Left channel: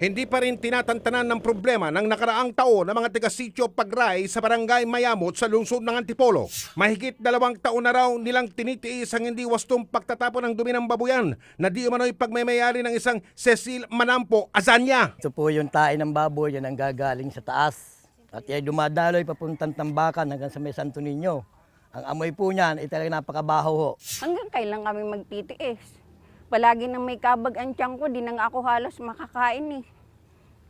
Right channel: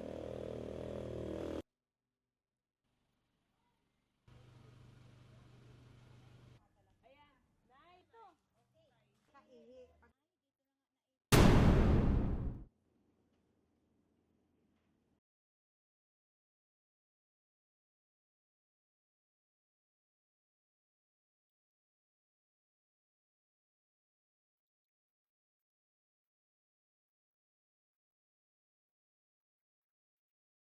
Hindi pa rin tinatantanan ng problema ng nakaraang taon ng mga taga-sityo Pagray sa barangay Mayamot sa lungsod ng Antipolo. Mahigit 2 taon na raw nilang tinitiis ang hindi wastong pagtatapon ng dumi ng babuyan na di umano'y pagmamayari ng isang Cecil Manampo Azanya. Ito po yung tae ng baboy, yan ang gagaling sa taas. At yan dumadaloy papuntang Tambakan hanggang sa may Santo Niño. Ang amoy po niyan ay talagang napakabaho ho. Hanggang kailan kami magtitiis? Palagi nang may kabag ang tiyan ko, di na nga ako halos makakain eh.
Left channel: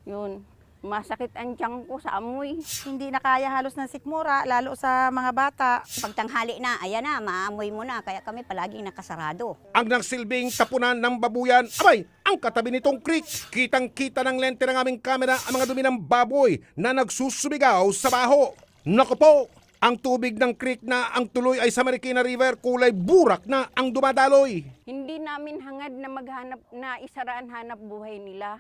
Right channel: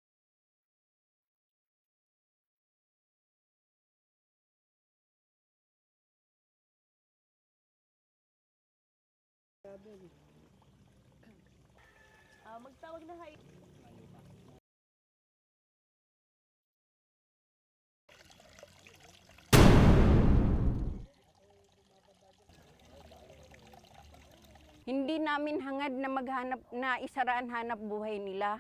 Yun, masakit ang tiyan ko sa amoy. Hindi na kaya halos ng sikmura, lalo sa mga bata. Pagtanghali na, ayan na, maamoy mo na, kaya kami palaging nakasarado. Ang nagsilbing tapunan ng babuyan, abay, ang katabi nitong creek. Kitang-kita ng lente ng aming kamera ang mga dumi ng baboy na nagsusubigaw sa baho. Naku po, ang tubig ng creek na ang tuloy ay sa Marikina River, kulay burak na ang dumadaloy. Hindi namin hangad na maghanap na isaraan hanap buhay nila,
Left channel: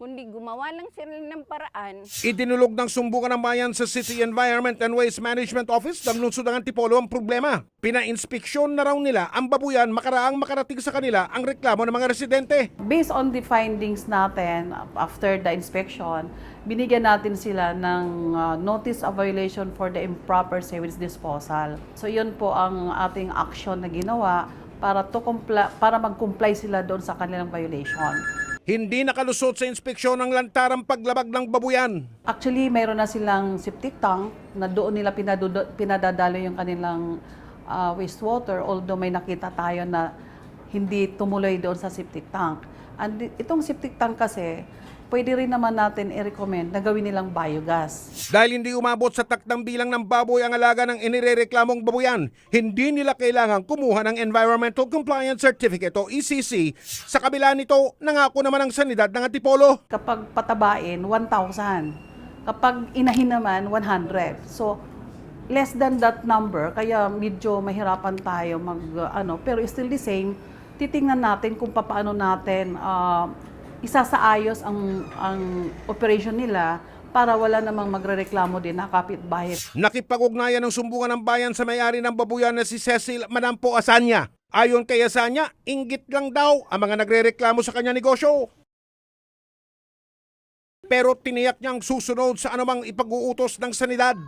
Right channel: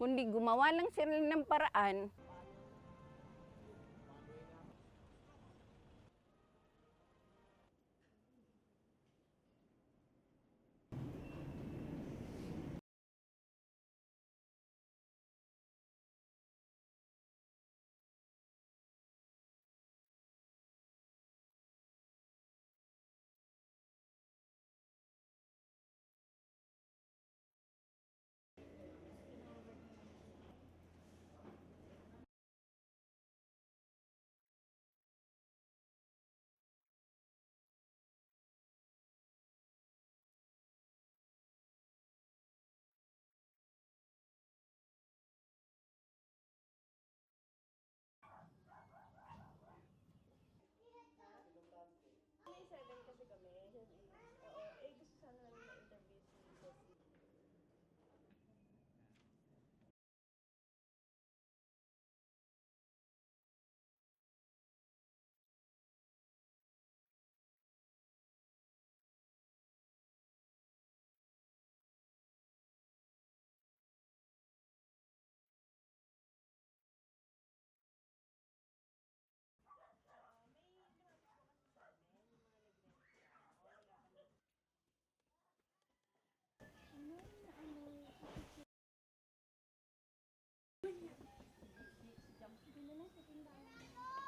kundi gumawa lang sila ng paraan. Idinulog ng sumbungan ng bayan sa City Environment and Waste Management Office ng lungsod ng Antipolo ang problema. Pina-inspeksyon na raw nila ang babuyan makaraang makarating sa kanila ang reklamo ng mga residente. Based on the findings natin after the inspection, binigyan natin sila ng notice of violation for the improper sewage disposal. So yun po ang ating action na ginawa para mag-comply sila doon sa kanilang violation. Hindi nakalusot sa inspeksyon ng lantarang paglabag ng babuyan. Actually, mayroon na silang septic tank na doon nila pinadadalo yung kanilang wastewater, although may nakita tayo na hindi tumuloy doon sa septic tank. And itong septic tank kasi, pwede rin naman natin i-recommend na gawin nilang biogas. Dahil hindi umabot sa takdang bilang ng baboy ang alaga ng inirereklamong babuyan, hindi nila kailangang kumuha ng Environmental Compliance Certificate o ECC. Sa kabila nito, nangako naman ang sanidad ng Antipolo. Kapag patabain, 1,000. Kapag inahin naman, 100. So, less than that number, kaya medyo mahirapan tayo pero still the same, titingnan natin kung paano natin isasaayos ang operation nila para wala namang magrereklamo din na kapitbahay. Nakipag-ugnayan ng sumbungan ng bayan sa may-ari ng babuyan na si Cecil Manampo Azanya. Ayon kay Azanya, inggit lang daw ang mga nagrereklamo sa kanya negosyo. Pero tiniyak niyang susunod sa anumang ipag-uutos ng sanidad.